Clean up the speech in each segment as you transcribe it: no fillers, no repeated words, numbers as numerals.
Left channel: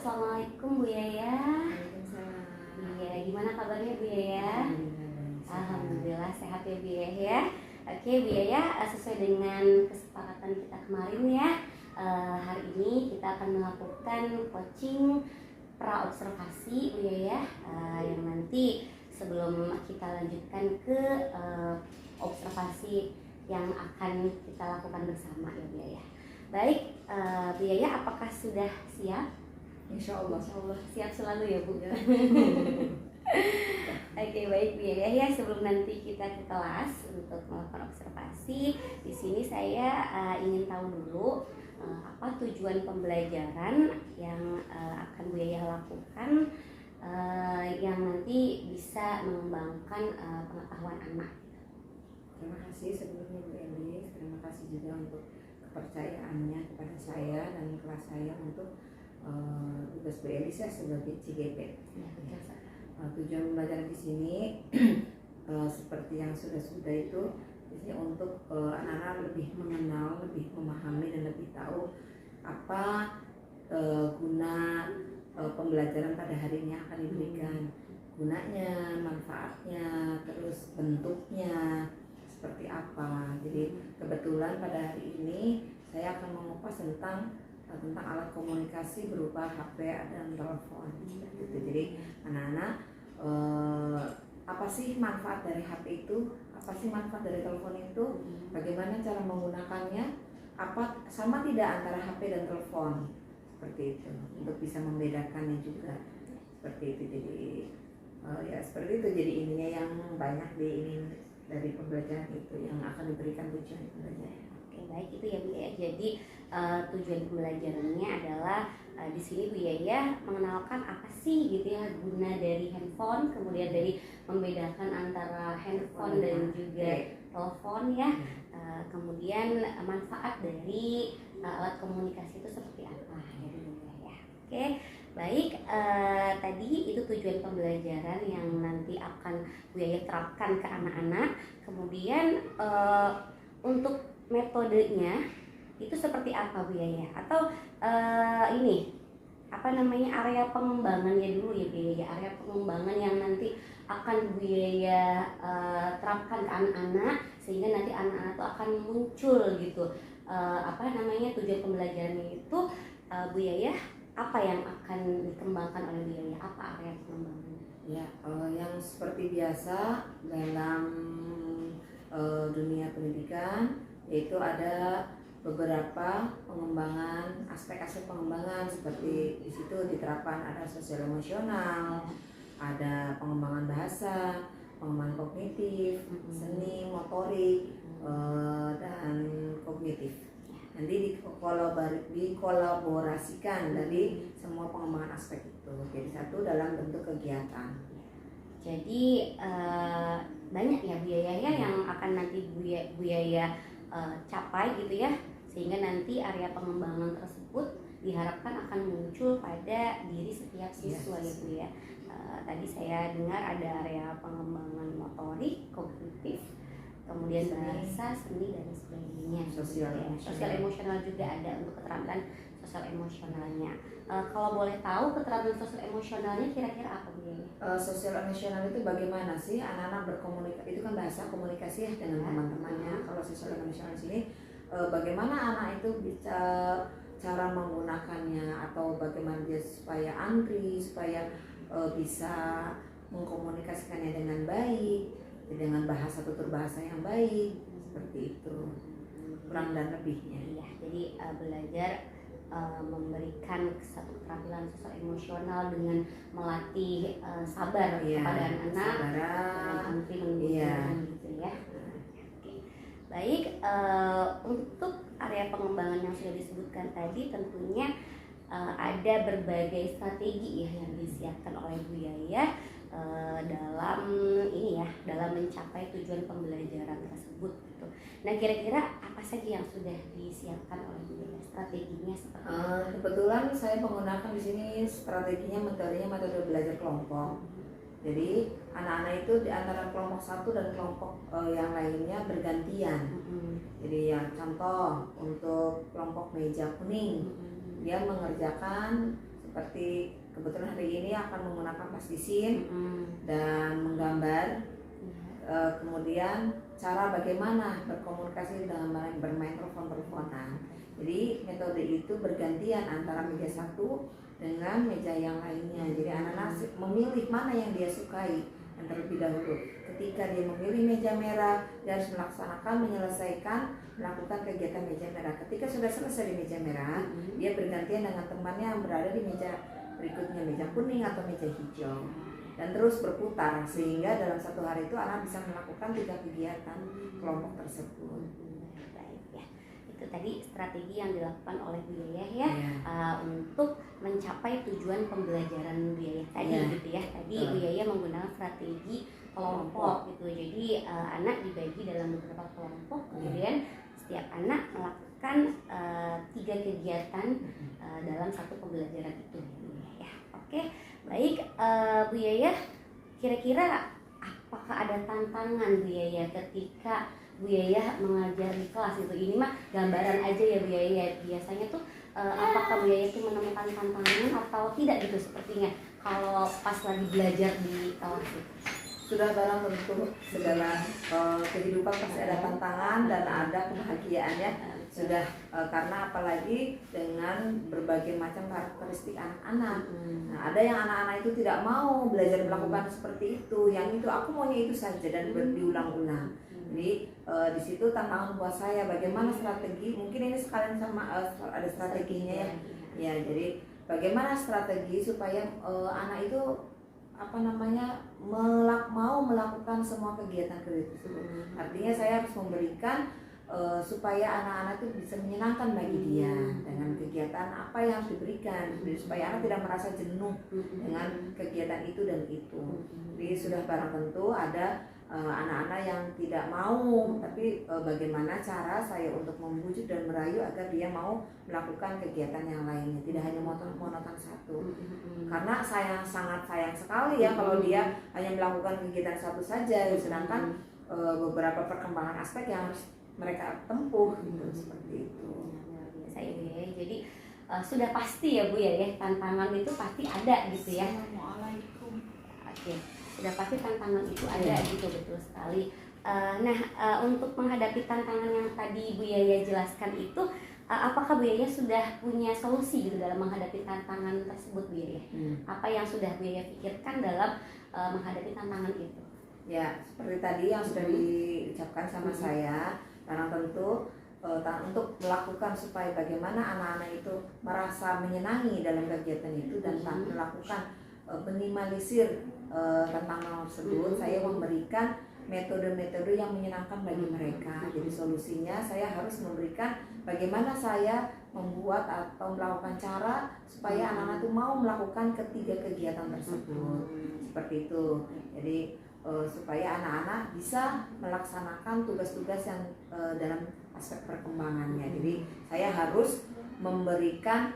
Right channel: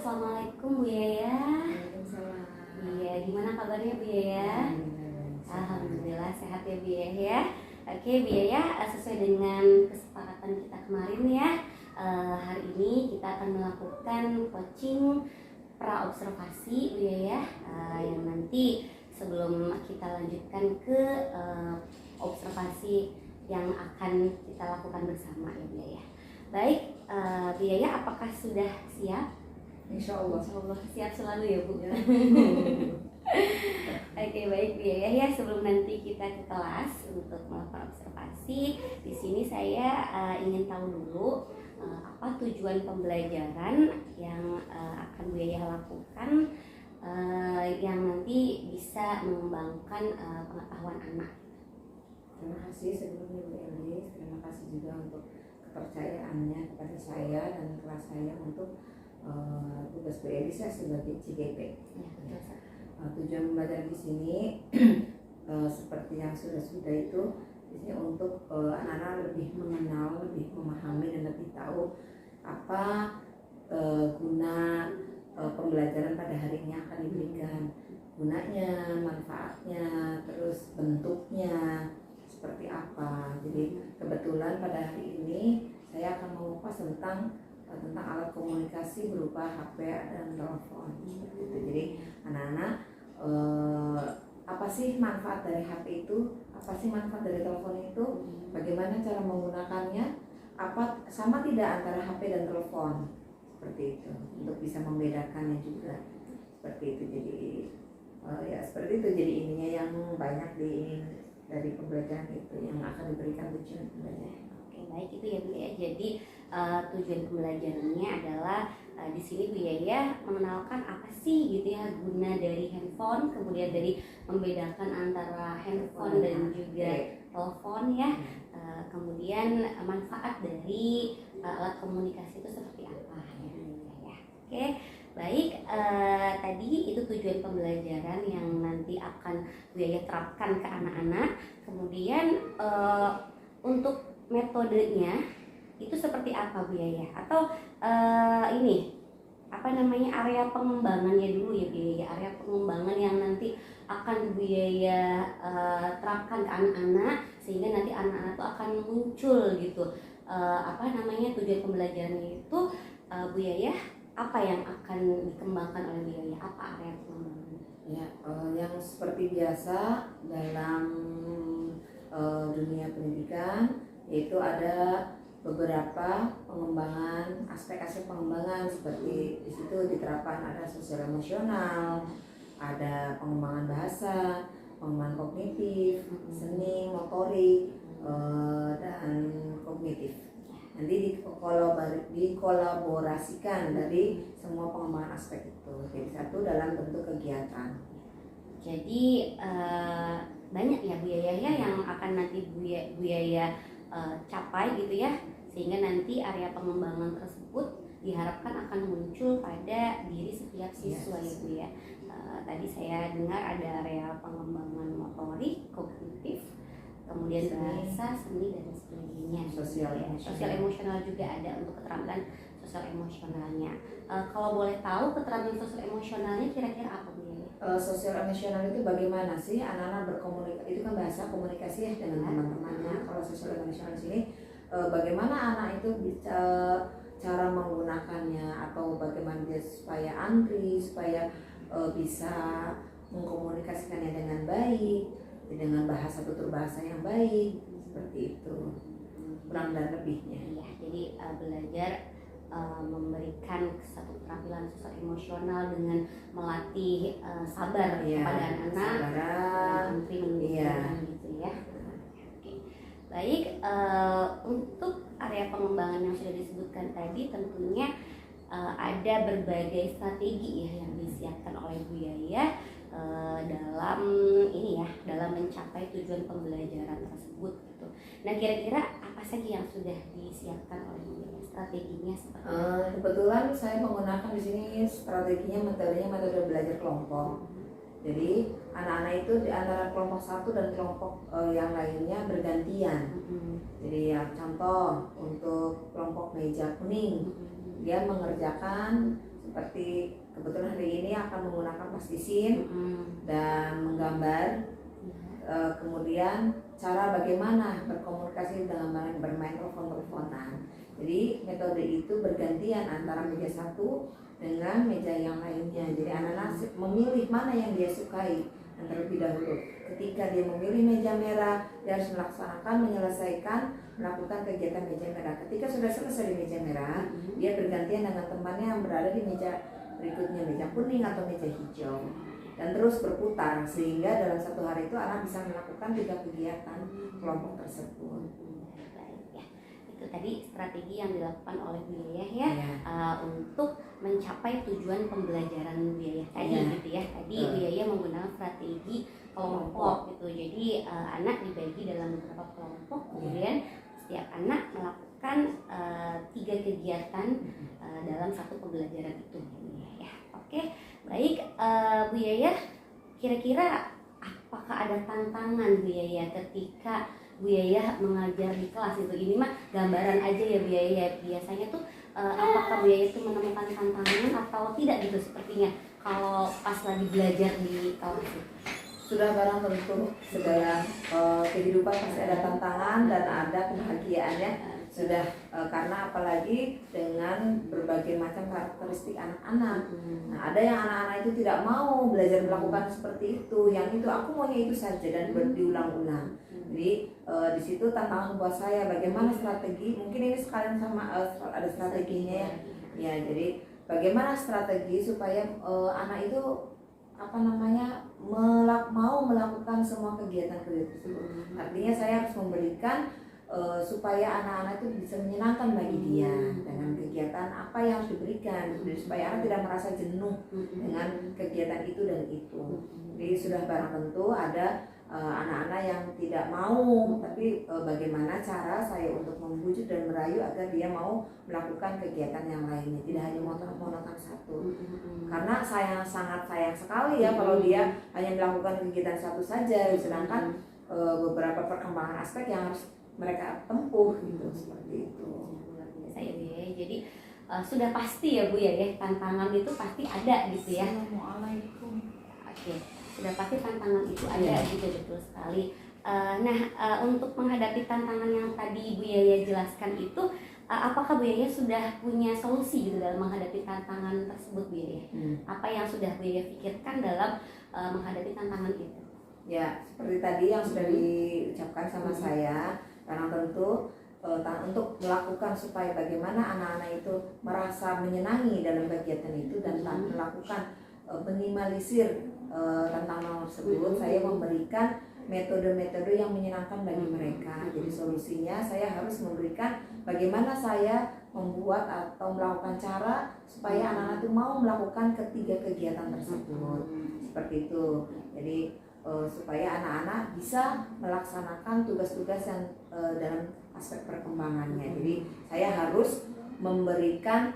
Assalamualaikum Bu Yaya. Waalaikumsalam. Iya, gimana kabarnya Bu Yaya? Alhamdulillah sehat ya Bu Yaya. Oke Bu Yaya, sesuai dengan kesepakatan kita kemarin ya, hari ini kita akan melakukan coaching pra-observasi Bu Yaya, yang nanti sebelum kita lanjutkan ke observasi yang akan kita lakukan bersama ya Bu Yaya. Baik, Bu Yaya, apakah sudah siap? Insya Allah. Siap selalu ya Bu. Ya. Oke, baik Bu Yaya, ya sebelum nanti kita ke kelas untuk melakukan observasi, di sini saya ingin tahu dulu apa tujuan pembelajaran yang akan Bu Yaya lakukan, yang nanti bisa mengembangkan pengetahuan anak. Terima kasih sebelumnya Bu Elis. Terima kasih juga untuk kepercayaannya kepada saya dan kelas saya untuk tugas Bu Elis sebagai CGP. Tujuan pembelajaran di sini seperti yang sudah itu biasanya untuk anak-anak lebih mengenal, lebih memahami dan lebih tahu apa guna pembelajaran pada hari ini akan diberikan, gunanya, manfaatnya, terus bentuknya seperti apa. Jadi kebetulan pada hari ini saya akan mengupas tentang alat komunikasi berupa HP dan telepon seperti itu. Jadi anak-anak apa sih manfaat dari HP itu, apa sih manfaat dari telepon itu, bagaimana cara menggunakannya, apa sama tidak antara HP dan telepon, seperti itu, untuk bisa membedakannya juga seperti itu. Jadi ya seperti itu. Jadi ininya yang banyak dari pembelajaran itu yang akan diberikan tujuan pembelajaran. Oke, baik itu ya Bu Yaya. Jadi tujuan pembelajarannya adalah di sini Bu Yaya mengenalkan apa sih gitu ya guna dari handphone, kemudian dari membedakan antara handphone dan juga telepon ya, kemudian manfaat dari alat komunikasi itu seperti apa ya Bu Yaya. Oke, baik, tadi itu tujuan pembelajaran yang nanti akan Bu Yaya terapkan ke anak-anak. Kemudian untuk metodenya itu seperti apa Bu Yaya? Atau ini apa namanya area pengembangannya dulu ya Bu Yaya? Area pengembangan yang nanti akan Bu Yaya terapkan ke anak-anak sehingga nanti anak-anak itu akan muncul gitu. Apa namanya tujuan pembelajarannya itu Bu Yaya? Apa yang akan dikembangkan oleh Bu Yaya? Apa area pengembangannya? Ya, yang seperti biasa dalam dunia pendidikan, yaitu ada beberapa pengembangan, aspek-aspek pengembangan seperti di situ diterapkan ada sosial emosional, ada pengembangan bahasa, pengembangan kognitif, seni, motorik, dan kognitif. Nanti dikolaborasikan dari semua pengembangan aspek itu. Jadi satu dalam bentuk kegiatan. Jadi banyak ya Bu Yaya ya yang akan nanti Bu Yaya capai gitu ya, sehingga nanti area pengembangan tersebut diharapkan akan muncul pada diri setiap siswa ya Bu ya. Tadi saya dengar ada area pengembangan motorik, kognitif, kemudian bahasa, seni dan sebagainya. Sosial emosional juga ada untuk keterampilan sosial emosionalnya. Kalau boleh tahu keterampilan sosial emosionalnya kira-kira apa Bu ya? Sosial emosional itu bagaimana sih anak-anak berkomunikasi, itu kan bahasa komunikasi ya dengan teman-temannya. Kalau sosial emosional di sini bagaimana anak itu bisa cara menggunakannya, atau bagaimana dia supaya antri, supaya bisa mengkomunikasikannya dengan baik, dengan bahasa tutur bahasa yang baik, seperti itu kurang dan lebihnya. Ya, jadi belajar memberikan satu keterampilan sosial emosional dengan melatih sabar kepada anak-anak, antri mendengarkan gitu ya. Oke. Baik, untuk area pengembangan yang sudah disebutkan tadi tentunya ada berbagai strategi ya yang disiapkan oleh Bu Yaya dalam ini ya, dalam mencapai tujuan pembelajaran tersebut gitu. Nah, kira-kira apa saja yang sudah disiapkan oleh Bu Yaya? Strateginya seperti apa? Kebetulan saya menggunakan di sini strateginya, metode belajar kelompok. Jadi anak-anak itu di antara kelompok satu dan kelompok yang lainnya bergantian. Jadi ya contoh untuk kelompok meja kuning, dia mengerjakan seperti kebetulan hari ini akan menggunakan plastisin dan menggambar. Kemudian cara bagaimana berkomunikasi dalam bermain telepon-teleponan. Jadi metode itu bergantian antara meja satu dengan meja yang lainnya. Jadi anak-anak memilih mana yang dia sukai yang terlebih dahulu. Ketika dia memilih meja merah, dia harus menyelesaikan melakukan kegiatan meja merah. Ketika sudah selesai di meja merah, dia bergantian dengan temannya yang berada di meja berikutnya, meja kuning atau meja hijau, dan terus berputar sehingga dalam satu hari itu anak bisa melakukan 3 kegiatan kelompok tersebut. Itu tadi strategi yang dilakukan oleh Bu Yayah ya, untuk mencapai tujuan pembelajaran Bu Yayah tadi gitu ya. Tadi Bu Yayah menggunakan strategi kelompok gitu. Jadi anak dibagi dalam beberapa kelompok, kemudian setiap anak melakukan 3 kegiatan dalam satu pembelajaran itu Bu Yayah. Oke, baik Bu Yayah, kira-kira apakah ada tantangan Bu Yayah ketika Bu Yayah mengajar di kelas itu? Ini mah gambaran aja ya Bu Yayah. Biasanya tuh apakah Bu Yayah itu menemukan tantangan atau tidak gitu sepertinya kalau pas lagi belajar di kelas itu? Sudah barang tentu segala kehidupan pasti ada tantangan dan ada kebahagiaannya. Sudah karena apalagi dengan berbagai macam karakteristik anak-anak. Nah, ada yang anak-anak itu tidak mau belajar melakukan seperti itu, yang itu aku maunya itu saja dan diulang-ulang. Jadi di situ tantangan buat saya bagaimana strategi, mungkin ini sekalian sama ada strateginya ya. Ya, jadi bagaimana strategi supaya anak itu mau melakukan semua kegiatan-kegiatan tersebut. Artinya saya harus memberikan supaya anak-anak itu bisa menyenangkan bagi dia dengan kegiatan apa yang harus diberikan, supaya anak tidak merasa jenuh dengan kegiatan itu dan itu. Jadi sudah barang tentu ada anak-anak yang tidak mau, tapi bagaimana cara saya untuk membujuk dan merayu agar dia mau melakukan kegiatan yang lainnya, tidak hanya monoton satu. Karena saya sangat sayang sekali ya kalau dia hanya melakukan kegiatan satu saja, sedangkan beberapa perkembangan aspek yang harus mereka tempuh gitu, seperti itu. Luar biasa ya Bu ya. Jadi sudah pasti ya Bu ya, tantangan itu pasti ada gitu ya. Oke. Sudah pasti tantangan itu ada gitu, betul sekali. Untuk menghadapi tantangan yang tadi Bu Yayah jelaskan itu, apakah Bu Yayah sudah punya solusi gitu dalam menghadapi tantangan tersebut Bu Yayah? Apa yang sudah Bu Yayah pikirkan dalam menghadapi tantangan itu? Ya, seperti tadi yang sudah diucapkan sama saya, karena tentu untuk melakukan supaya bagaimana anak-anak itu merasa menyenangi dalam kegiatan itu dan melakukan minimalisir tentang hal tersebut, saya memberikan metode-metode yang menyenangkan bagi mereka. Jadi solusinya saya harus memberikan bagaimana saya membuat atau melakukan cara supaya anak-anak itu mau melakukan ketiga kegiatan tersebut. Seperti itu. Jadi supaya anak-anak bisa melaksanakan tugas-tugas yang dalam aspek perkembangannya. Jadi saya harus memberikan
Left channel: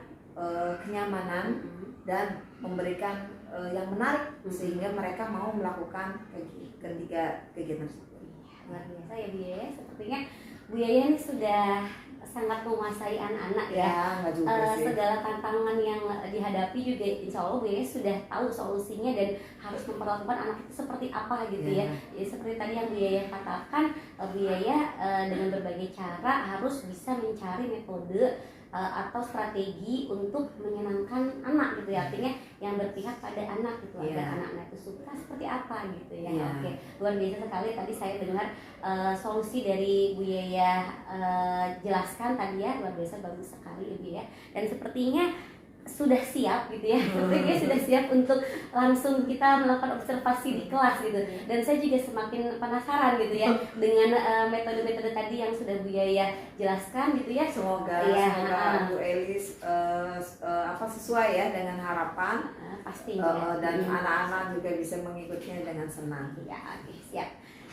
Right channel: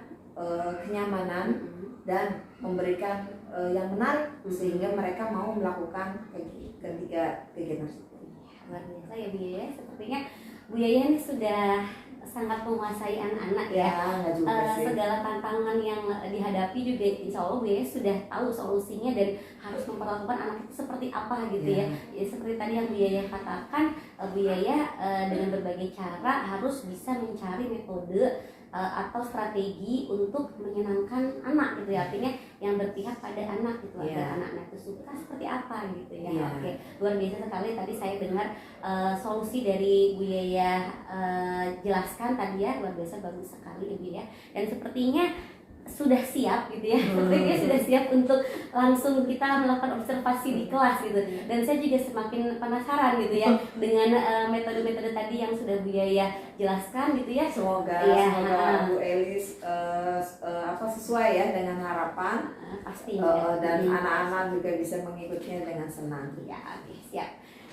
kenyamanan dan memberikan yang menarik sehingga mereka mau melakukan ketiga kegiatan tersebut. Luar biasa ya Bu Yayah, sepertinya Bu Yayah ini sudah sangat menguasai anak-anak ya. Nggak juga sih. Segala tantangan yang dihadapi juga insya Allah Bu Yayah sudah tahu solusinya dan harus memperlakukan anak itu seperti apa gitu ya. Jadi seperti tadi yang Bu Yayah katakan, Bu Yayah dengan berbagai cara harus bisa mencari metode atau strategi untuk menyenangkan anak gitu ya, artinya yang berpihak pada anak gitu, agar anak-anak itu suka seperti apa gitu ya. Oke, luar biasa sekali tadi saya dengar solusi dari Bu Yayah jelaskan tadi ya, luar biasa bagus sekali Ibu ya, dan sepertinya sudah siap gitu ya, sepertinya sudah siap untuk langsung kita melakukan observasi di kelas gitu. Dan saya juga semakin penasaran gitu ya dengan metode-metode tadi yang sudah Bu Yayah jelaskan gitu ya. Semoga Bu Elis sesuai ya dengan harapan, pastinya dan anak-anak juga bisa mengikutinya dengan senang. Ya, oke, siap.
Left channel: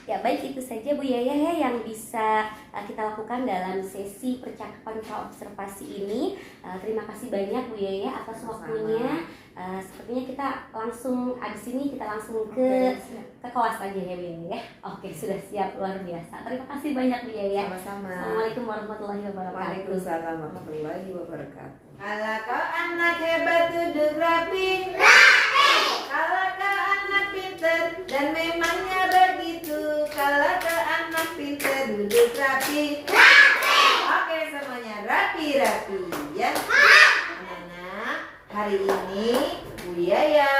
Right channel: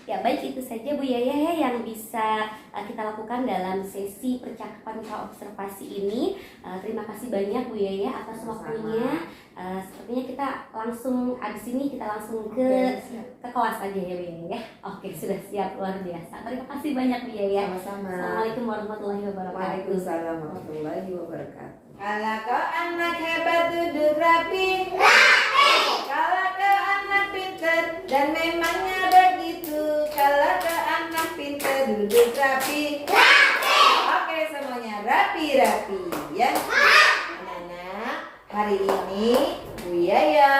Ya, baik, itu saja Bu Yaya ya yang bisa kita lakukan dalam sesi percakapan praobservasi ini. Terima kasih banyak Bu Yaya atas waktunya. Sepertinya kita langsung abis ini kita langsung ke kelas aja ya Bu Yaya. Oke, sudah siap, luar biasa. Terima kasih banyak Bu Yaya. Sama-sama. Assalamualaikum warahmatullahi wabarakatuh. Waalaikumsalam warahmatullahi wabarakatuh. Kalau kau anak hebat duduk rapi, kalau kau anak pinter dan memangnya begitu. Kalau kau anak pinter duduk rapi, oke semuanya rapi-rapi ya. Anak-anak, hari ini Bu Yaya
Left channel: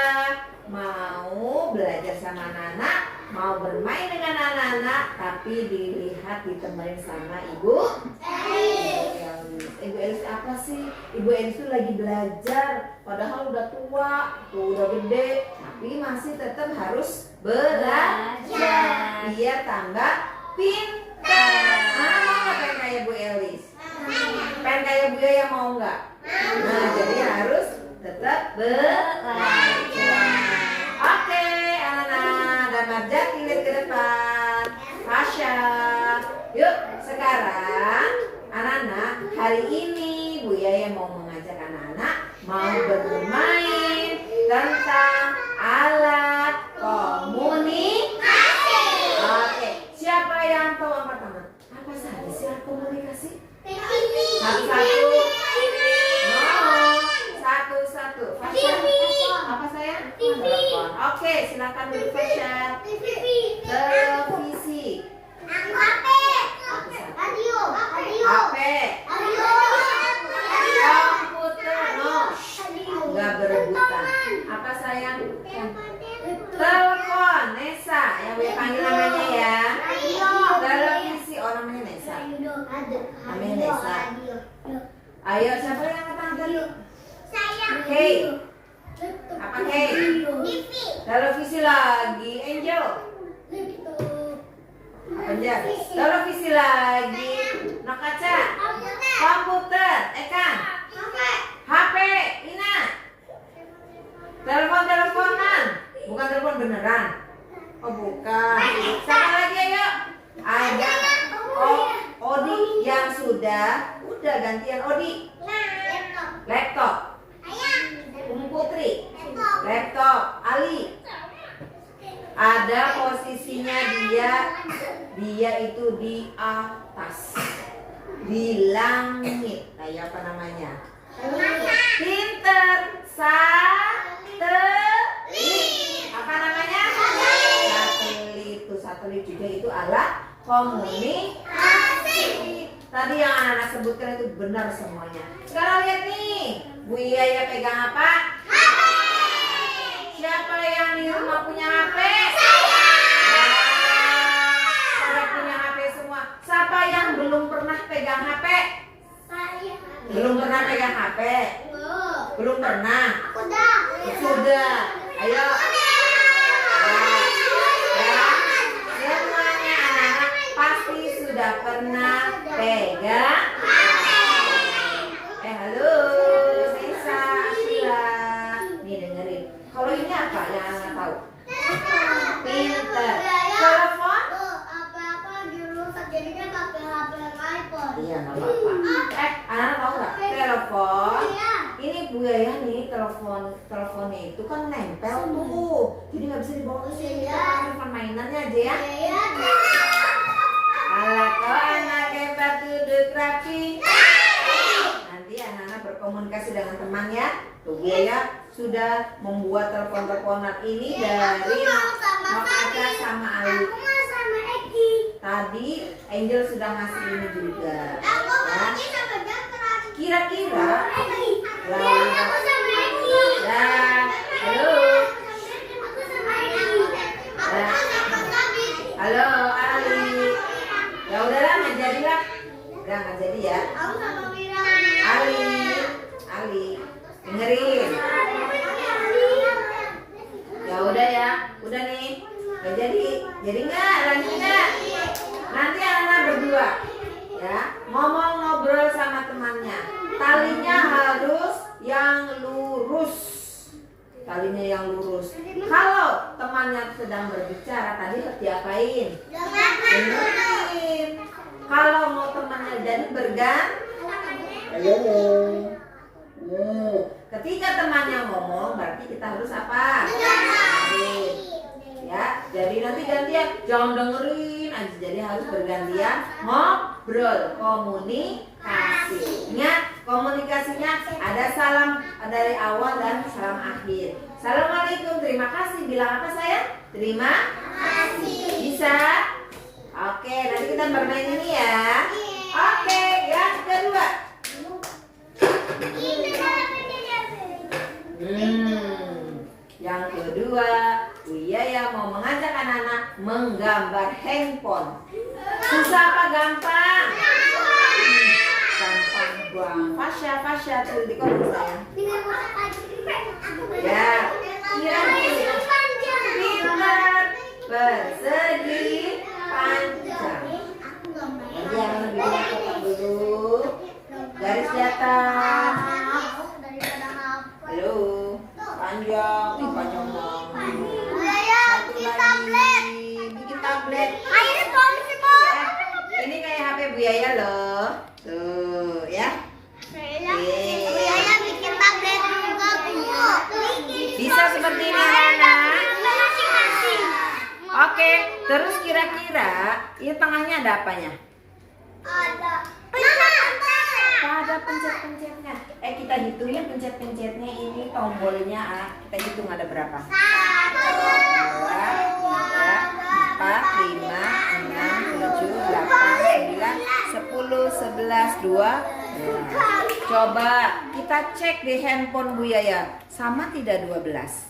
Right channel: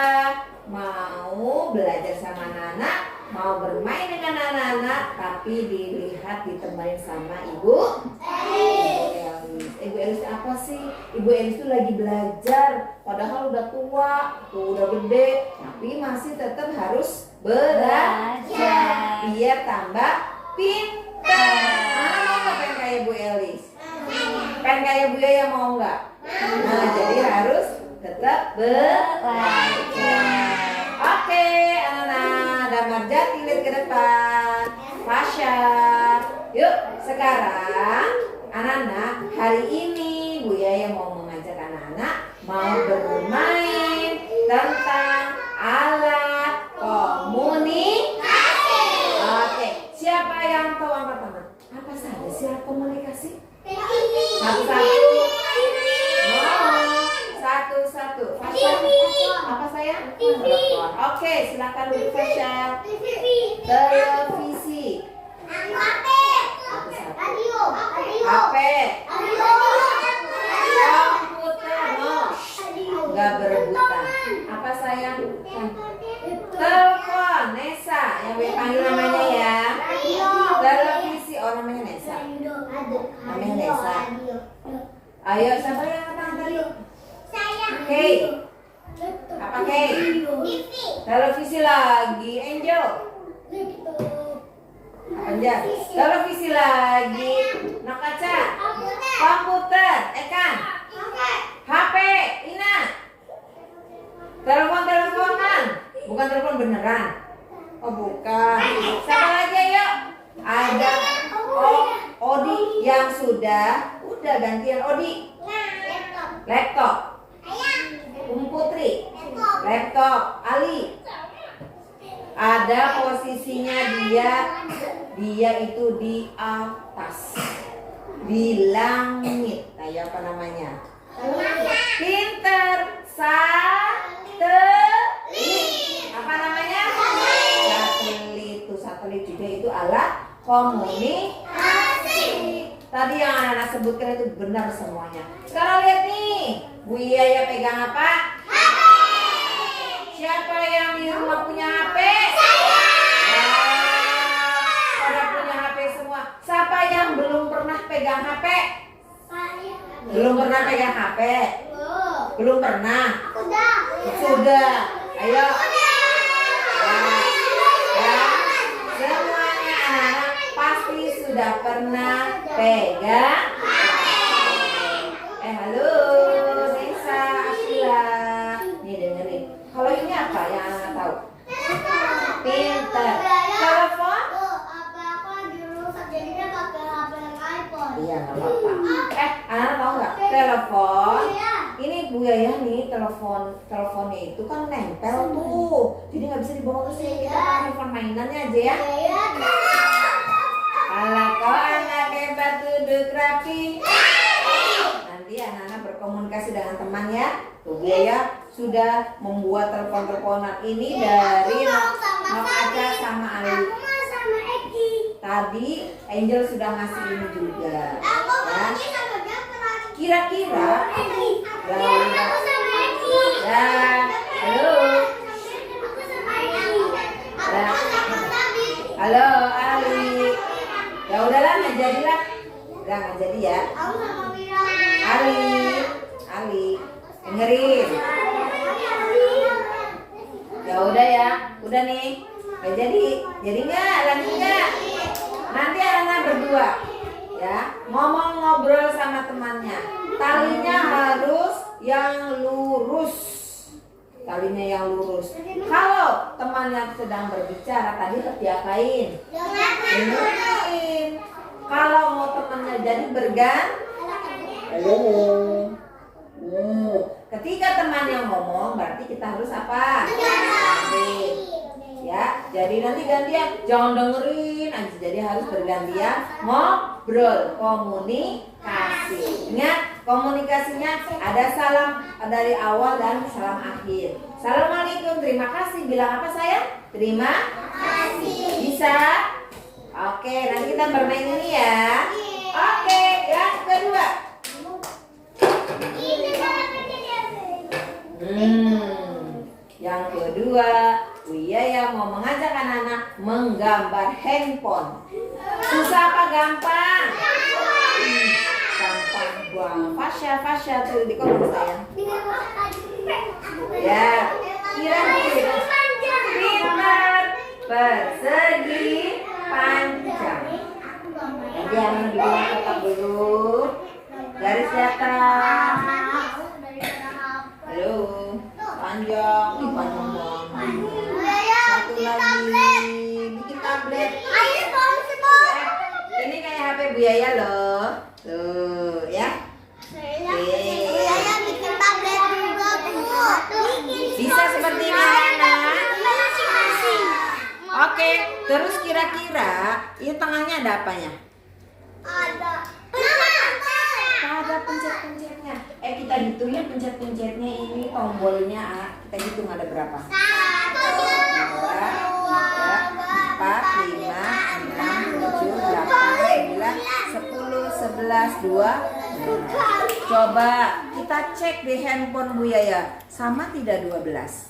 mau belajar sama anak-anak, mau bermain dengan anak-anak, tapi dilihat ditemani sama Ibu Elis. Ibu Elis apa sih? Ibu Elis itu lagi belajar, padahal udah tua, udah gede, tapi masih tetap harus belajar biar tambah pintar. Mau nggak pengen kayak Bu Elis? Pengen kayak Bu Yaya mau nggak? Nah, jadi harus tetap belajar. Oke, anak-anak, Damar Jati lihat ke depan. Fasya. Yuk, sekarang anak-anak, hari ini Bu Yaya mau mengajak anak-anak mau bermain tentang alat komunikasi. Oke, siapa yang tahu angkat tangan? Apa saja sih alat komunikasi? Satu-satu. Satu-satu. Apa saya? Telepon. Oke, silakan duduk Fasya. Televisi. HP. Komputer. No. Gak berebutan. Apa sayang? Telepon. Nesa. Yang boleh panggil namanya ya. Televisi. Oh, namanya Nesa. Namanya Nesa. Ayo, siapa yang angkat tadi? Kay. Apa Kay? Televisi lagi. Angel. Angel. Televisi lagi. Nakaca. Komputer. Ekan. HP. Ina. Telepon-teleponan. Bukan telepon beneran. Oh bukan. Siapa lagi ayo? Ada. Oh, Odi yang sudah gantian Odi. Laptop. Putri. Laptop. Ali. Ada posisinya dia itu di atas, di langit. Kayak apa namanya? Pinter. Satelit. Apa namanya? Satelit. Satelit juga itu alat komunikasi. Tadi yang anak-anak sebutkan itu benar semuanya. Sekarang lihat nih, Bu Yaya pegang apa? Siapa yang di rumah punya HP? Pada punya HP semua. Siapa yang belum pernah pegang HP? Belum pernah pegang HP? Belum pernah? Sudah. Ayo. Semuanya anak-anak pasti sudah pernah pegang. Halo, Nesa, Ashila. Nih dengerin. Kalau ini apa yang anak tahu? Pinter. Telepon? Iya, nggak apa-apa. Anak tahu nggak? Telepon. Ini Bu Yaya nih, teleponnya itu kan nempel tuh. Jadi nggak bisa dibawa ke sini. Kita pakai telepon mainannya aja ya. Kalau kau anak hebat duduk rapi. Nanti anak-anak berkomunikasi dengan temannya. Tuh Bu Yaya sudah membuat telepon-teleponan ini dari Nokaca sama Ali. Tadi Angel sudah ngasih ini juga. Ya. Kira-kira halo. Halo Ali. Ya udahlah nggak jadilah. Nggak jadi ya. Ali, dengerin. Ya udah ya, udah nih. Nggak jadi nggak? Lanjut nggak? Nanti anak berdua, ya, ngomong ngobrol sama temannya. Talinya harus yang lurus. Kalau temannya sedang sedang berbicara tadi diapain? Dengerin. Kalau mau temannya jadi halo. Ketika temannya ngomong berarti kita harus apa? Dengerin. Ya, jadi nanti gantian, jangan dengerin aja. Jadi harus bergantian ngobrol, komunikasi. Ingat, komunikasinya ada salam dari awal dan salam akhir. Assalamualaikum, terima kasih. Bilang apa sayang? Terima kasih. Bisa? Oke, nanti kita bermain ini ya. Oke, yang kedua. Yang kedua, Buya mau mengajak anak-anak menggambar handphone. Susah apa gampang? Gampang buang. Fasya tuh di kolom sayang. Ya, kira-kira pintar, persegi, panjang. Nanti yang dulu kotak dulu. Garis datar. Halo, panjang, panjang banget. Satu lagi, bikin tablet. Ini kayak HP Buya loh. Tuh, ya. Bisa seperti ini anak-anak. Oke, terus kira-kira ini tengahnya ada apanya? Ada pencet-pencetnya. Kita hitungnya pencet-pencetnya ini tombolnya. Kita hitung ada berapa? 1, 2, 3, 4, 5, 6, 7, 8, 9, 10, 11, 12. Coba kita cek di handphone Buya. Sama tidak 12?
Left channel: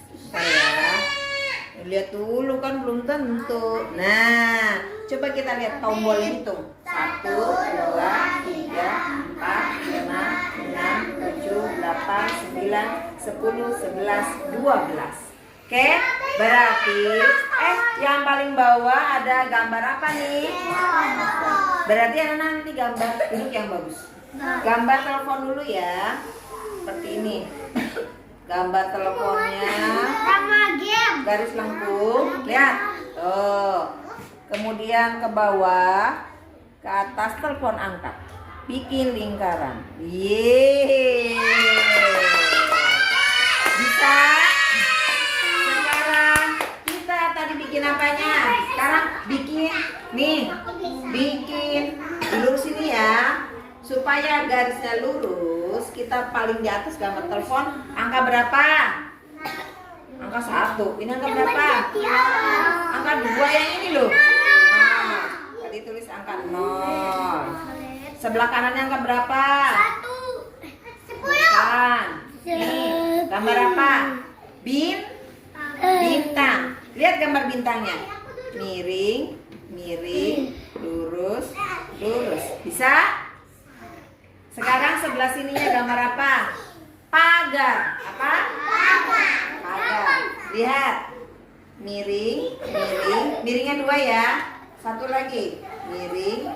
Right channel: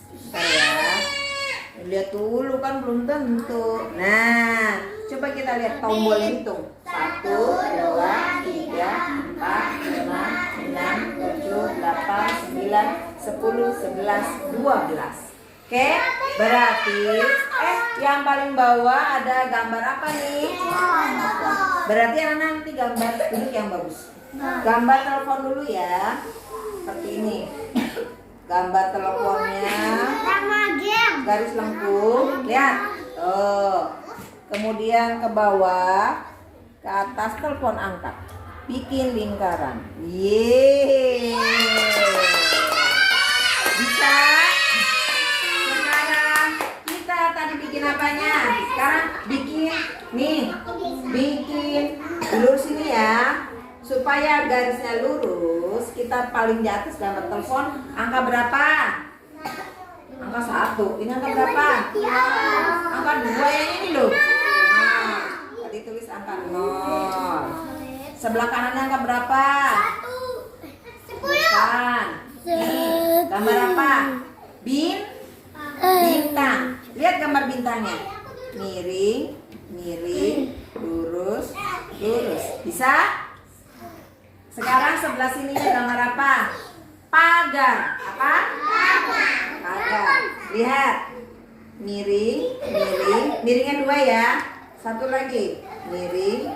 Lihat dulu kan belum tentu. Nah, coba kita lihat tombol hitung. 1, 2, 3, 4, 5, 6, 7, 8, 9, 10, 11, 12. Oke, berarti yang paling bawah ada gambar apa nih? Berarti anak nanti gambar duduk yang bagus. Gambar telepon dulu ya. Seperti ini. Gambar teleponnya. Garis lengkung. Lihat. Tuh. Kemudian ke bawah, ke atas telepon angkat. Bikin lingkaran. Yeay. Bisa? Sekarang kita tadi bikin apanya? Sekarang bikin lurus ini ya. Supaya garisnya lurus, kita paling di atas gambar telepon. Angka berapa? Angka 1. Ini angka berapa? Angka 2 yang ini loh. Nah, tadi tulis angka 0. Sebelah kanannya angka berapa? 1. Bukan. Nih, gambar apa? Bintang. Lihat gambar bintangnya. Miring, lurus. Bisa? Sekarang sebelah sininya gambar apa? Pagar. Apa? Pagar. Lihat. Miringnya 2 ya. Satu lagi. Miring.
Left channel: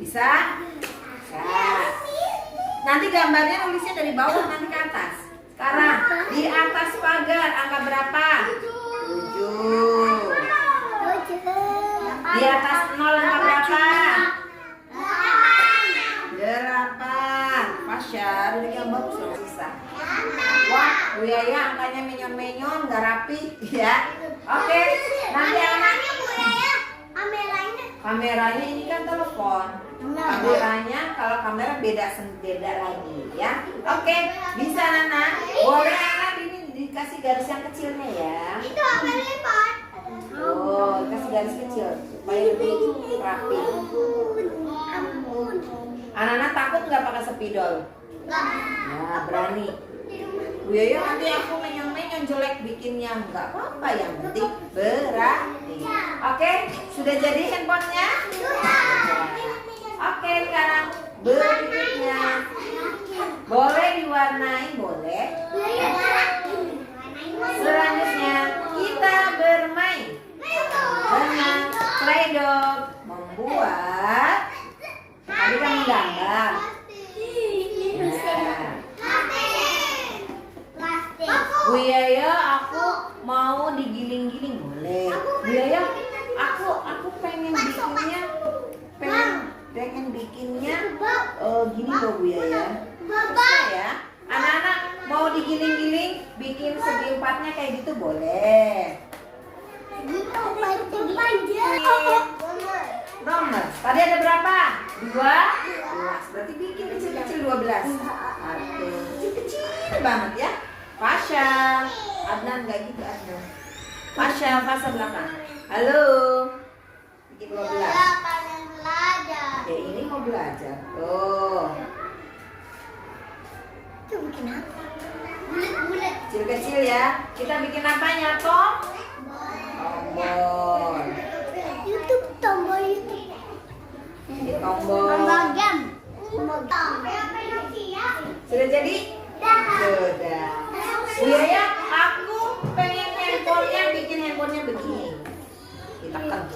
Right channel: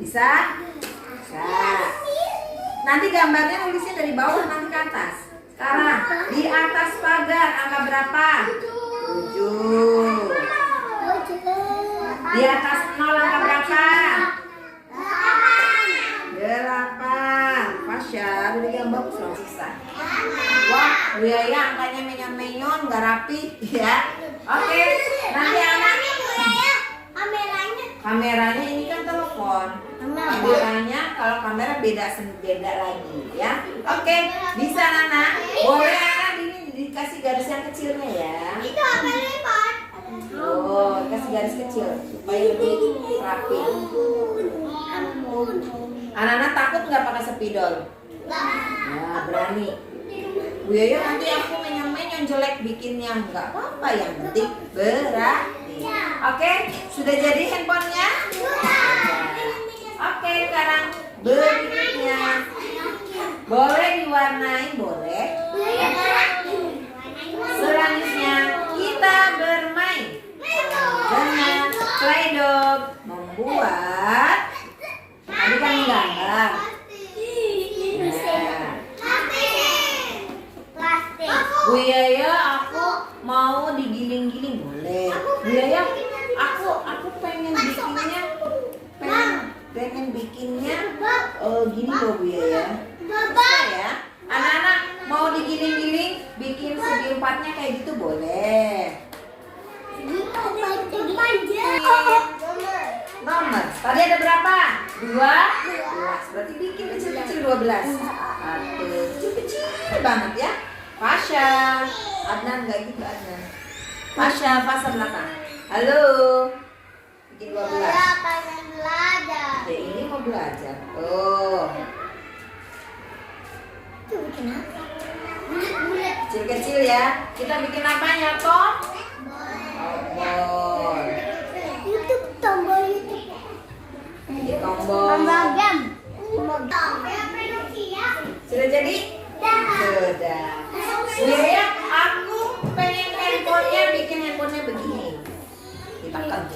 Bisa? Bisa. Nanti gambarnya nulisnya dari bawah nanti ke atas. Sekarang di atas pagar angka berapa? 7. Di atas 0 angka berapa? 8. Fasya, udah yang bagus loh Sisa. Wah, Buya angkanya menyon-menyon, nggak rapi ya. Oke, nanti anaknya kameranya ini kan telepon. Kameranya kalau kamera beda lagi ya. Oke, bisa Nana. Boleh anak ini dikasih garis yang kecilnya ya. Oh, kasih garis kecil supaya lebih rapi. Anak-anak takut nggak pakai spidol? Nah, berani. Buya nanti aku menyon jelek bikinnya, nggak apa-apa, yang penting berani. Oke, sudah jadi handphonenya? Oke, sekarang berikutnya boleh diwarnai, boleh. Selanjutnya kita bermain dengan Play-Doh, membuat tadi kan gambar. Buya aku mau digiling-giling boleh. 12. Satu. Kecil banget ya. Fasya. Adnan nggak gitu Adnan. Fasya belakang. Halo. Bikin 12. Oke, ini mau belajar. Oh. Kecil-kecil ya. Kita bikin apanya, Tom? Tombol. Ini tombol. Sudah jadi? Sudah. Ya, aku pengen handphonenya, bikin handphonenya begini. Ditekan.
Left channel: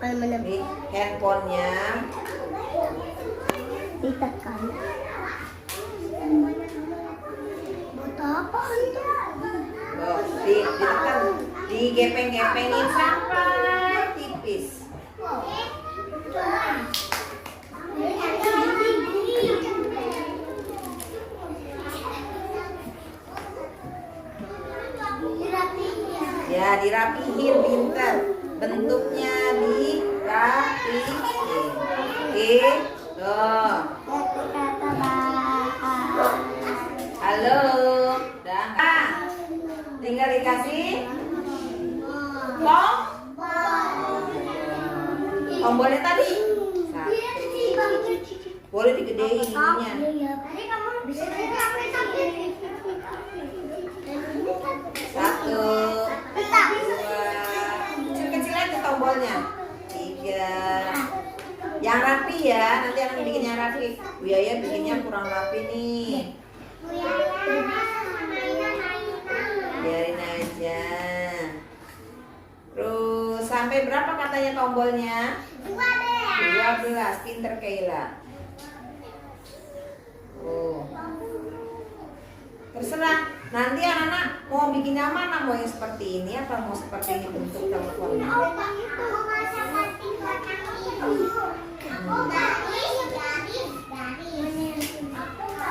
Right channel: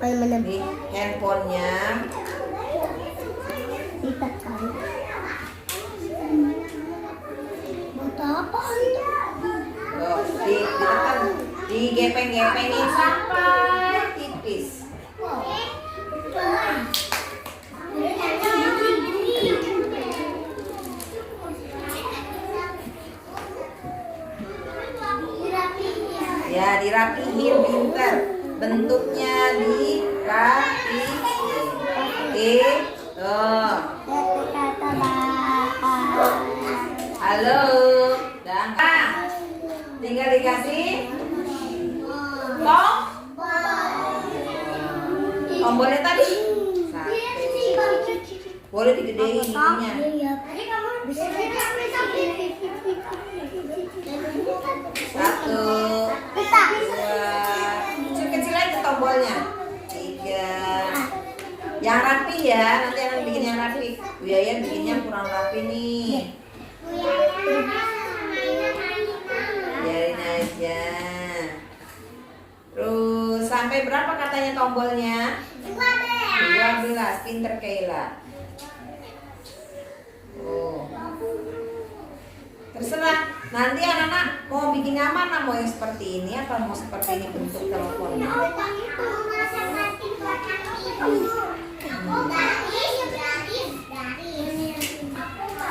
Ini handphonenya. Ditekan. Buat apa itu? Loh, ditekan. Digepeng-gepengin sampai tipis. Ya, dirapihin pintar. Bentuknya dirapihin. Oke. Tuh. Halo. Dah. Tinggal dikasih tombolnya tadi. Boleh digedein ininya. Satu, dua, kecil-kecil aja tombolnya. 3. Yang rapi ya, nanti akan bikin yang rapi. Bu Yaya bikinnya kurang rapi nih. Biarin aja. Terus sampai berapa katanya tombolnya? 12. Pinter Kayla. Oh. Terserah. Nanti anak-anak mau bikin yang mana? Mau yang seperti ini apa mau seperti ini bentuk teleponnya?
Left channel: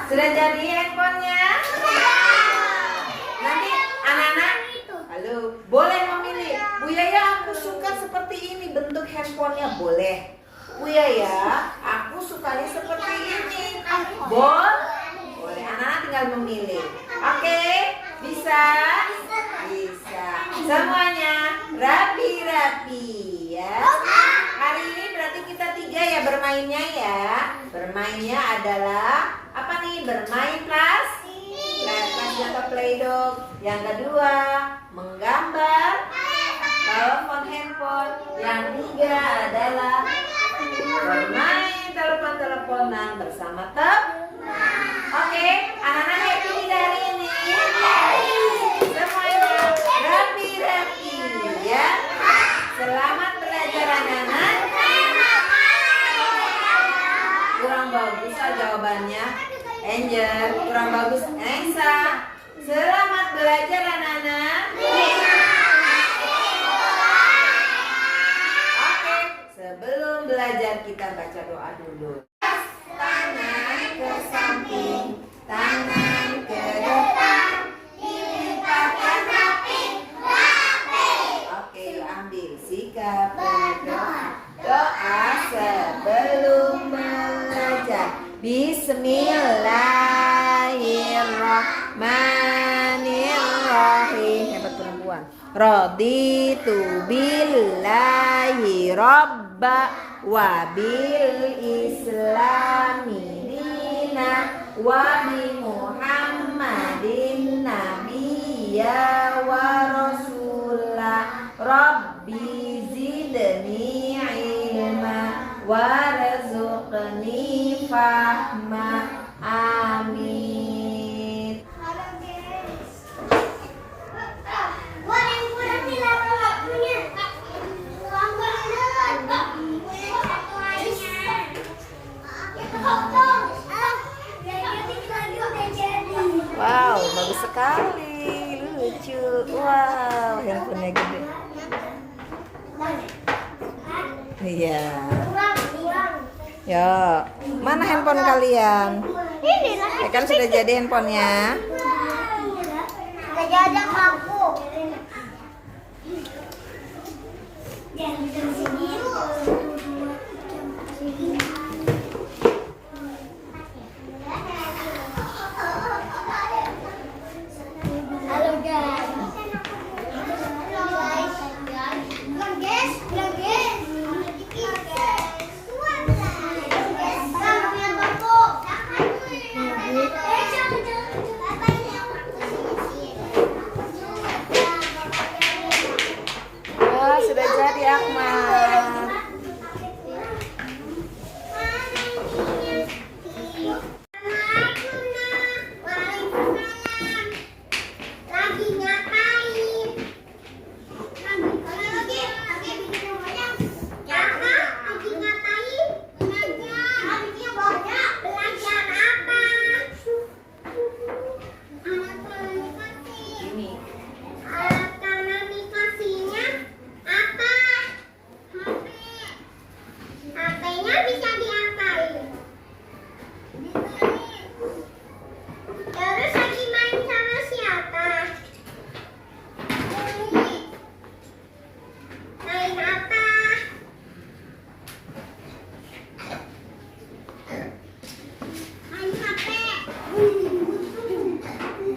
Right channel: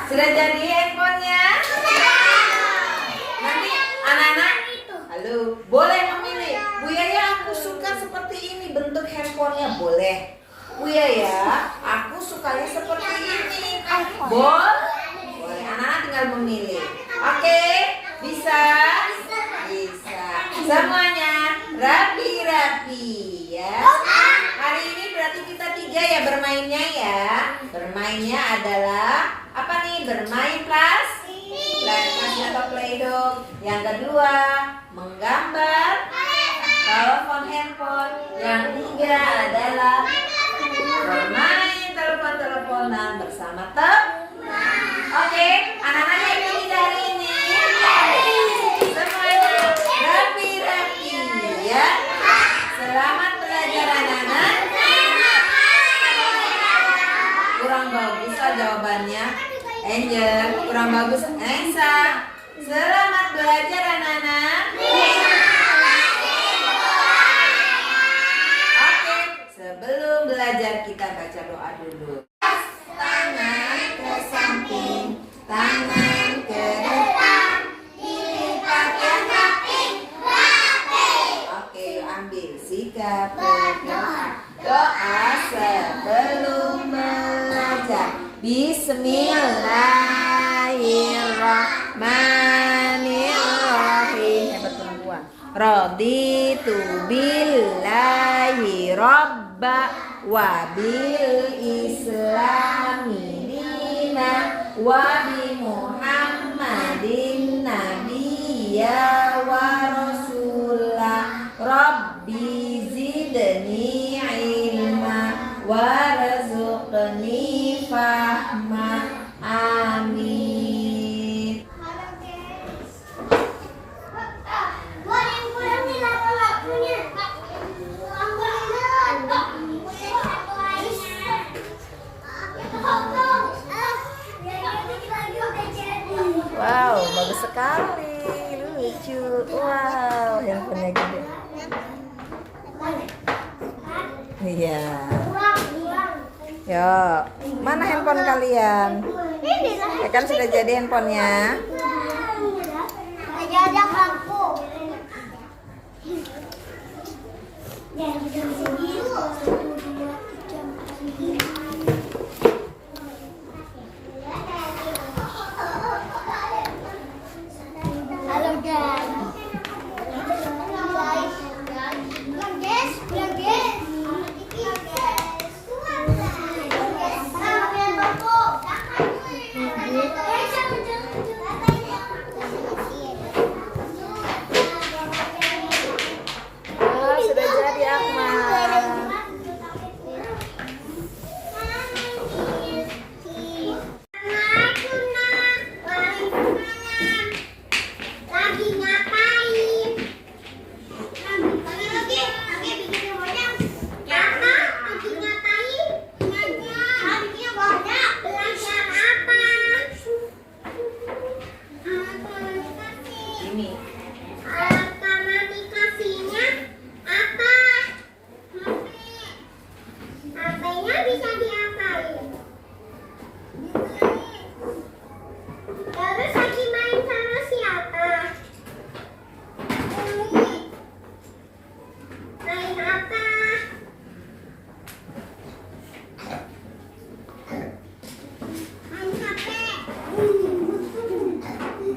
Sudah jadi handphonenya? Nanti anak-anak, halo, boleh memilih. Bu Yaya, aku suka seperti ini bentuk handphonenya, boleh. Bu Yaya, aku sukanya seperti ini. Boleh. Anak-anak tinggal memilih. Oke, bisa? Bisa. Semuanya rapi-rapi ya. Hari ini berarti kita 3 ya bermainnya ya. Bermainnya adalah apa nih? Bermain plastik atau play-doh. Yang kedua, menggambar telepon handphone. Yang 3 adalah bermain telepon-teleponan bersama teman. Oke, anak-anak yang pilih hari ini semuanya rapi-rapi ya. Selamat belajar anak-anak. Kurang bagus jawabannya. Angel, kurang bagus. Ensa, selamat belajar anak-anak. Oke, sebelum belajar kita baca doa dulu. Tangan ke samping, tangan ke depan, dilipat yang rapi. Oke, ambil sikap berdoa. Doa sebelum belajar. Bismillahirrahmanirrahim. Hebat perempuan. Raditu billahi robba wa bil islami dina wa bi muhammadin nabiyya wa rasulah rabbi zidni ilma warzuqni fahma. Amin. Wow, bagus sekali, lucu. Wow, handphonenya gede. Iya. Ya, mana handphone kalian? Ya kan sudah jadi handphonenya. Ada bangku. Ya, Halo Dan. Bilang guys, bilang guys. Ah, sudah jadi Akmal. Lagi ngapain? Lagi bikin yang banyak. Apa? Lagi ngapain? Belajar. Lagi banyak. Belajar apa? Alat komunikasi. Ini. Alat komunikasinya apa? HP. HP-nya bisa diapain? Terus lagi main sama siapa? Main apa? Main HP.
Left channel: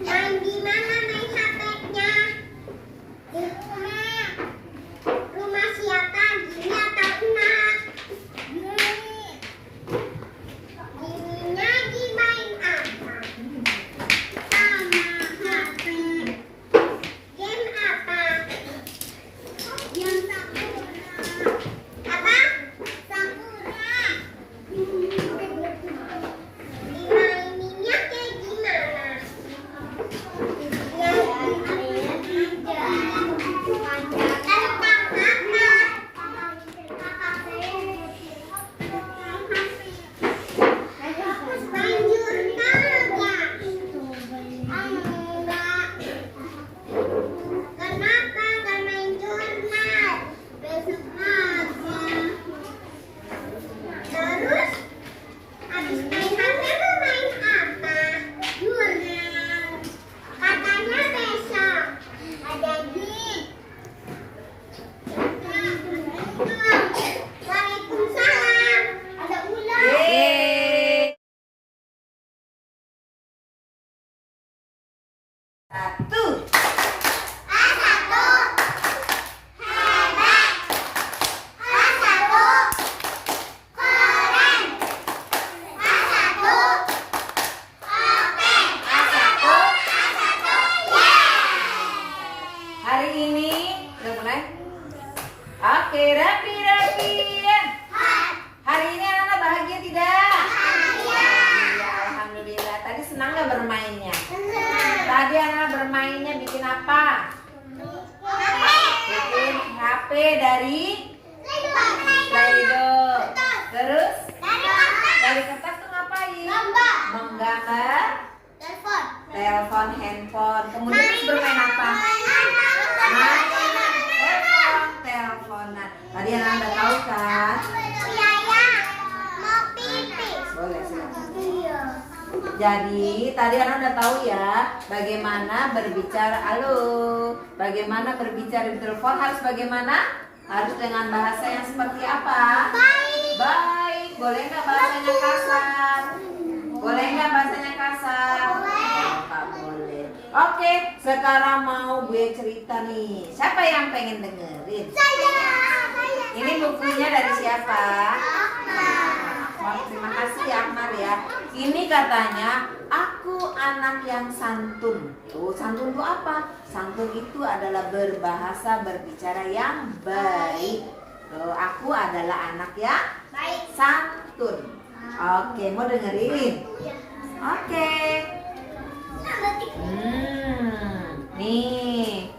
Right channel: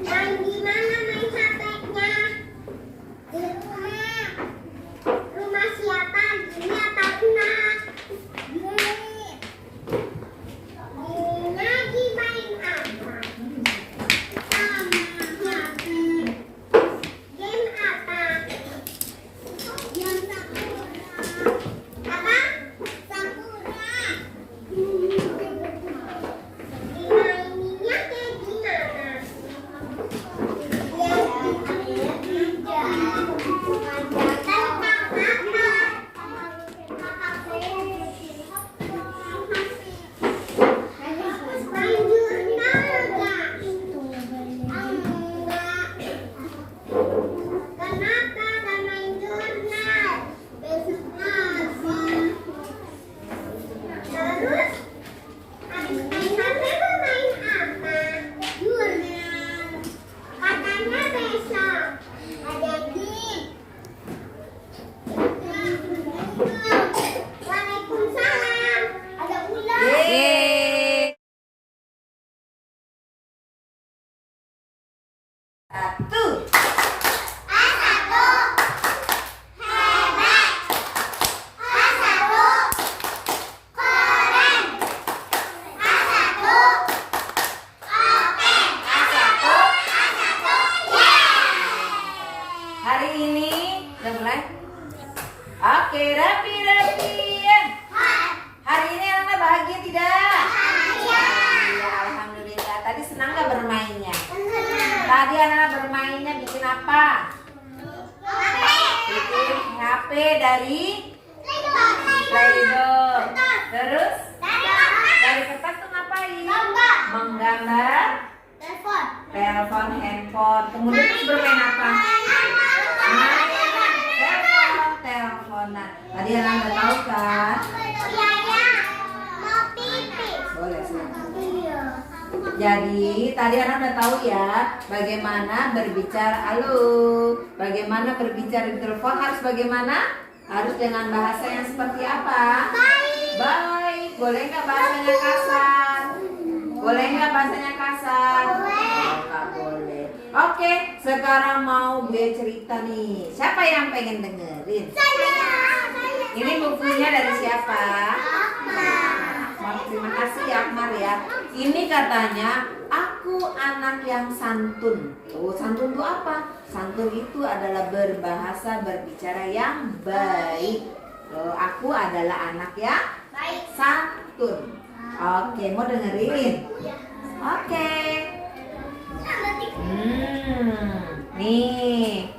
Main di mana main HP-nya? Di rumah. Rumah siapa? Gini atau enak? Gini. Gininya lagi main apa? Sama HP. Game apa? Game Sakura. Apa? Sakura. Dimaininnya kayak gimana? Ya, main jurnal nggak? Enggak. Kenapa nggak main jurnal? Besok lagi. Terus habis main HP tuh main apa? Jurnal. Katanya besok ada gigs. Waalaikumsalam. Ada ulang. Yeay. Satu. A1 hebat, A1 keren, A1 oke, A1. yeay. Hari ini udah mulai? Oke, rapi-rapian. Hari ini anak bahagia tidak? Iya, alhamdulillah. Tadi senang nggak bermainnya? Tadi anak bermainnya bikin apa? Bikin HP dari Play-Doh. Terus dari kertas tuh ngapain? Menggambar telepon handphone. Kemudian terus bermain apa? Teleponan. Tadi anak udah tahu kan? Boleh sih. Jadi tadi anak udah tahu ya bagaimana berbicara. Halo, bagaimana berbicara di telepon harus bagaimana? Harus dengan bahasa yang seperti apa? Baik. Boleh nggak bahasanya kasar? Boleh nggak bahasanya kasar? Oh, nggak boleh. Oke, sekarang mau gue cerita nih. Siapa yang pengen dengerin? Ini bukunya dari siapa? Akmal, terima kasih ya Akmal ya. Ini katanya aku anak yang santun. Tuh, santun itu apa? Santun itu adalah berbahasa berbicara yang baik. Tuh, aku adalah anak yang santun. Oke, mau dengerin? Oke. Nih.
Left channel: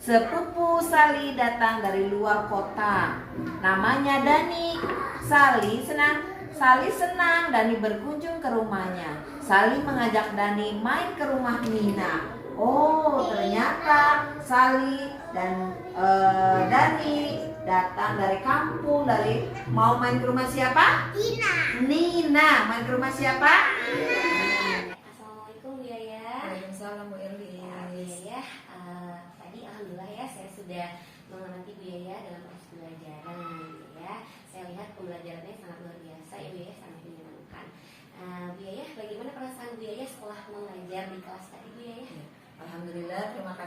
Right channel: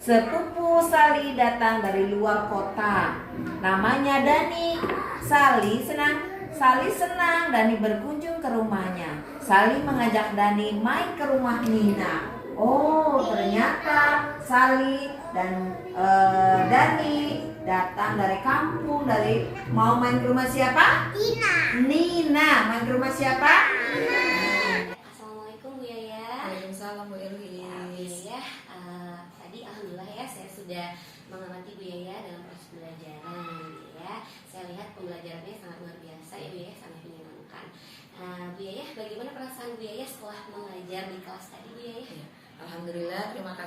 Sepupu Sali datang dari luar kota. Namanya Dani. Sali senang Dani berkunjung ke rumahnya. Sali mengajak Dani main ke rumah Nina. Oh, ternyata Sali dan Dani datang dari kampung, mau main ke rumah siapa? Nina. Main ke rumah siapa? Assalamualaikum Bu Yaya. Waalaikumsalam Bu Elis. Ya, tadi alhamdulillah ya saya sudah mengamati Bu Yaya dalam proses pembelajaran ya. Saya lihat pembelajarannya sangat luar biasa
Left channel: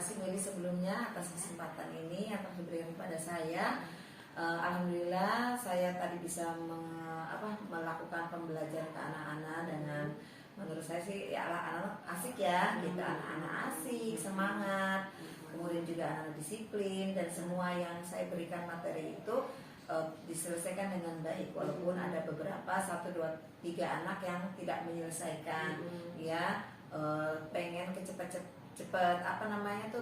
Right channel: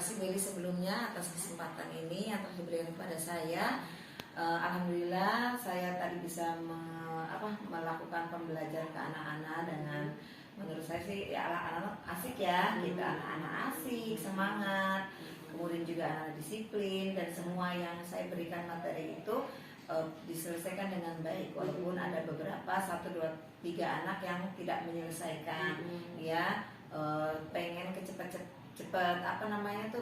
kasih Beli sebelumnya atas kesempatan ini yang telah diberikan kepada saya. Alhamdulillah saya tadi bisa melakukan pembelajaran ke anak-anak dengan menurut saya sih ya anak-anak asik ya, kita anak-anak asik, semangat, kemudian juga anak disiplin, dan semua yang saya berikan materi itu diselesaikan dengan baik, walaupun ada beberapa 1, 2, 3 anak yang tidak menyelesaikan, ya pengen cepet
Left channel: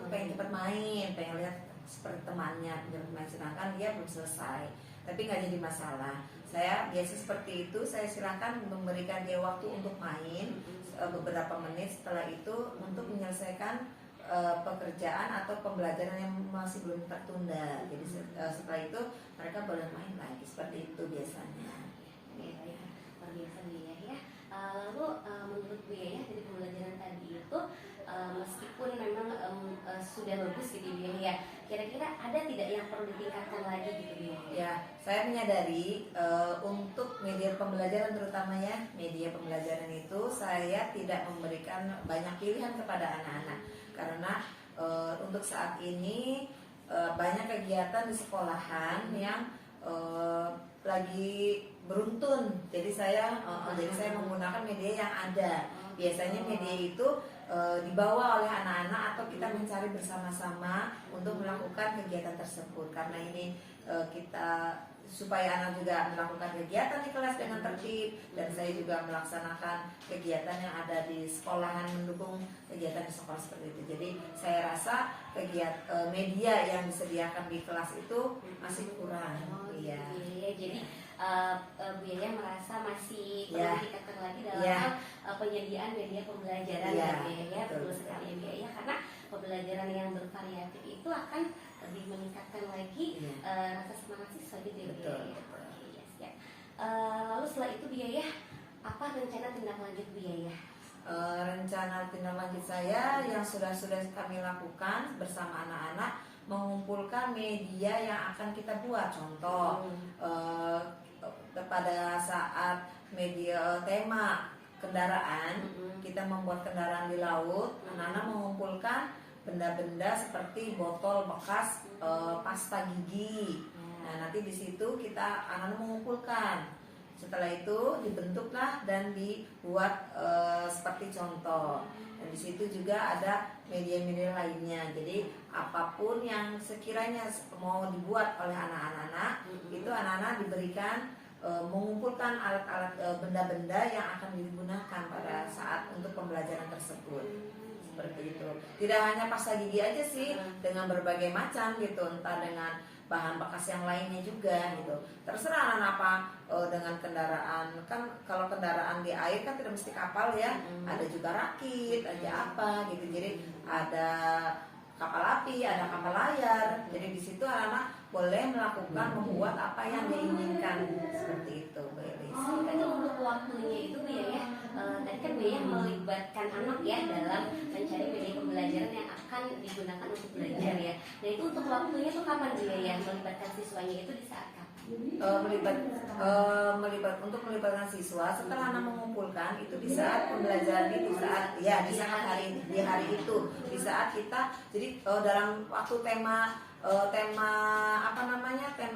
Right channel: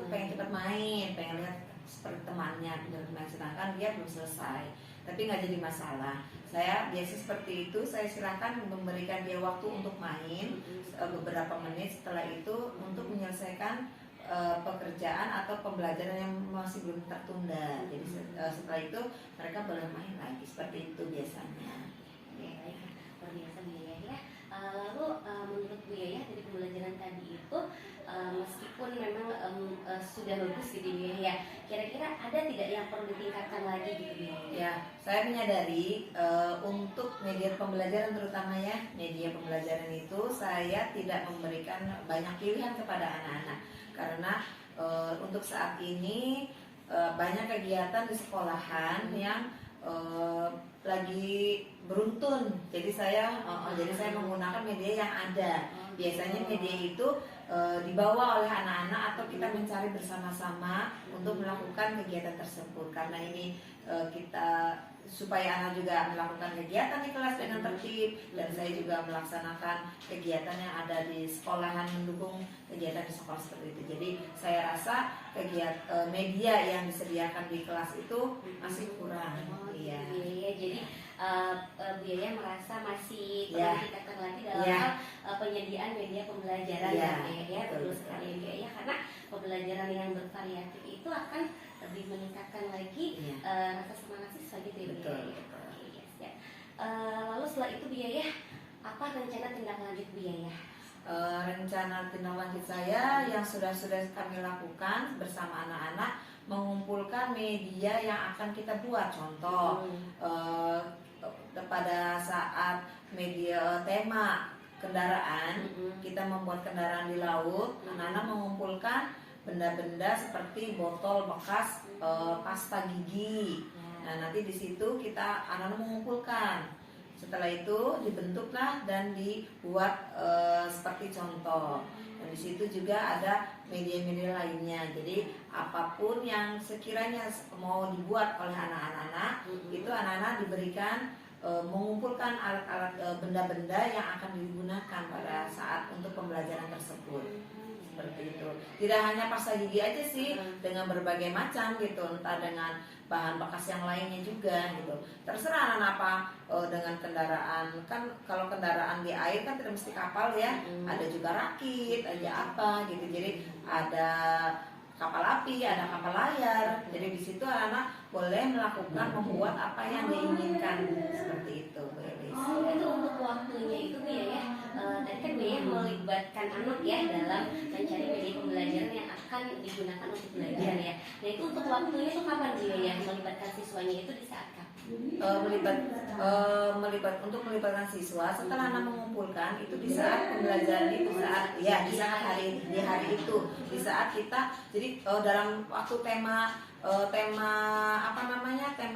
pengen cepat main, pengen lihat seperti temannya main, sedangkan dia belum selesai, tapi nggak jadi masalah. Saya biasa seperti itu, saya silakan memberikan dia waktu untuk main beberapa menit, setelah itu untuk menyelesaikan pekerjaan atau pembelajaran yang masih belum tertunda. Jadi setelah itu mereka boleh main lagi, seperti itu biasanya. Baik, luar biasa Bu Yaya ya. Lalu menurut Bu Yaya dari pembelajaran tadi itu meskipun memang sudah bagus gitu Bu Yaya, kira-kira ada tidak yang perlu ditingkatkan lagi gitu Bu Yaya? Ya, saya menyadari untuk media pembelajaran, terutama ya media pembelajaran itu saya tidak memberikan banyak pilihan kepada anak-anak, karena untuk saat ini banyak kegiatan di sekolahan yang lagi beruntun, jadi saya menggunakan media yang ada. Biasanya media itu dibawa oleh anak-anak atau kita mencari bersama-sama untuk melakukan kegiatan tersebut, karena ini kita supaya anak juga melakukan kegiatan di kelas dengan tertib, dan saya juga melaksanakan kegiatan yang ada di sekolahan, mendukung kegiatan di sekolah seperti itu. Jadi saya rasa kegiatan media yang disediakan di kelas itu masih kurang. Iya. Jadi Bu Yaya merasa masih perlu ditingkatkan lagi dalam penyediaan media pembelajaran ya betul sekali Bu Yaya, karena pembelajaran yang bervariatif itu akan lebih meningkatkan lagi rasa semangat siswa gitu ya Bu Yaya. Lalu setelah itu Bu Yaya, apa rencana tindak lanjut Bu Yaya? Rencana tindak lanjut saya yang sudah kami lakukan bersama anak-anak, mengumpulkan media yang akan kita buat. Contoh pada saat media tema kendaraan, kita membuat kendaraan di laut, anak-anak mengumpulkan benda-benda seperti botol bekas pasta gigi. Nah, nanti di situ kita anak-anak mengumpulkan. Setelah itu dibentuklah dan dibuat seperti contoh. Dan di situ juga ada media-media lainnya. Jadi apapun yang sekiranya mau dibuat oleh anak-anak, itu anak-anak diberikan mengumpulkan alat-alat benda-benda yang akan digunakan pada saat untuk pembelajaran tersebut. Seperti itu. Tidak hanya pasta gigi aja sih, dengan berbagai macam gitu, entah dengan bahan bekas yang lainnya juga gitu. Terserah anak apa dengan kendaraan. Kan kalau kendaraan di air kan tidak mesti kapal ya. Ada juga rakit, aja apa gitu. Jadi ada kapal api, ada kapal layar. Jadi di situ anak-anak boleh melakukan membuat apa yang diinginkan, seperti itu Bu Elis. Itu untuk waktunya itu Bu ya. Tadi kan Bu ya melibatkan anak ya dalam mencari media pembelajaran yang akan digunakan untuk belajar ya. Nah itu untuk waktunya itu kapan Bu ya melibatkan siswanya itu di saat kapan? Melibatkan siswa setelah anak mengumpulkan itu di saat pembelajaran itu, di hari itu, di saat kita jadi dalam waktu tema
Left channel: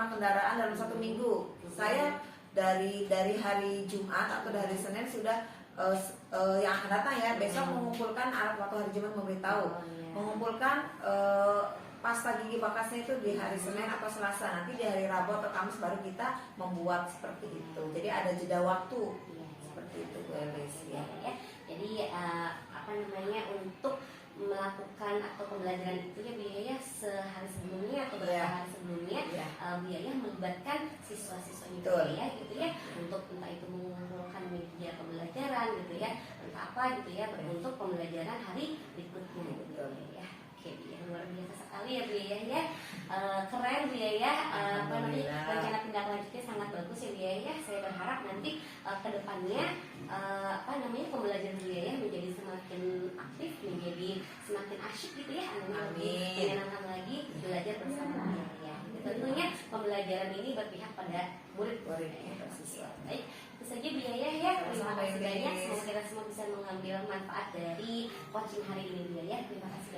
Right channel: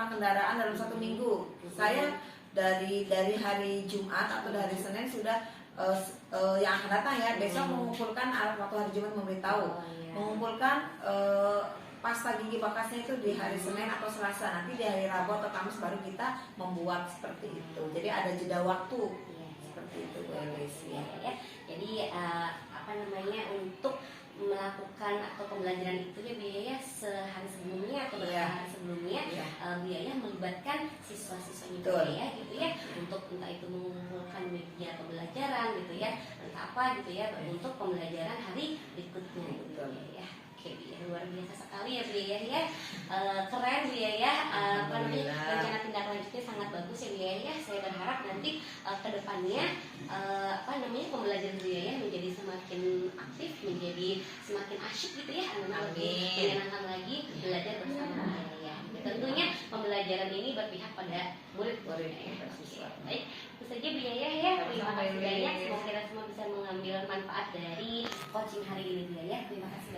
kendaraan dalam 1 minggu, saya dari hari Jumat atau dari Senin sudah yang akan datang ya besok mengumpulkan waktu hari Jumat memberitahu mengumpulkan pasta gigi bekasnya itu di hari Senin atau Selasa, nanti di hari Rabu atau Kamis baru kita membuat seperti itu. Jadi ada jeda waktu seperti itu Bu Elis ya. Jadi untuk melakukan atau pembelajaran itu ya biaya sehari sebelumnya atau beberapa hari sebelumnya biaya melibatkan siswa-siswanya ya gitu ya untuk entah itu mengumpulkan media pembelajaran gitu ya entah apa gitu ya untuk pembelajaran hari berikutnya gitu ya. Oke, luar biasa sekali ya Bu ya. Keren Bu ya. Rencana tindak lanjutnya sangat bagus ya Bu ya. Saya berharap nanti kedepannya pembelajaran Bu ya menjadi semakin aktif, menjadi semakin asyik gitu ya, anak-anak lebih menyenangkan lagi belajar bersama Bu ya. Tentunya pembelajaran ini berpihak pada murid-murid siswa. Baik, itu saja Bu ya. Terima kasih banyak. Semoga kita semua bisa mengambil manfaat dari coaching hari ini Bu ya. Terima kasih.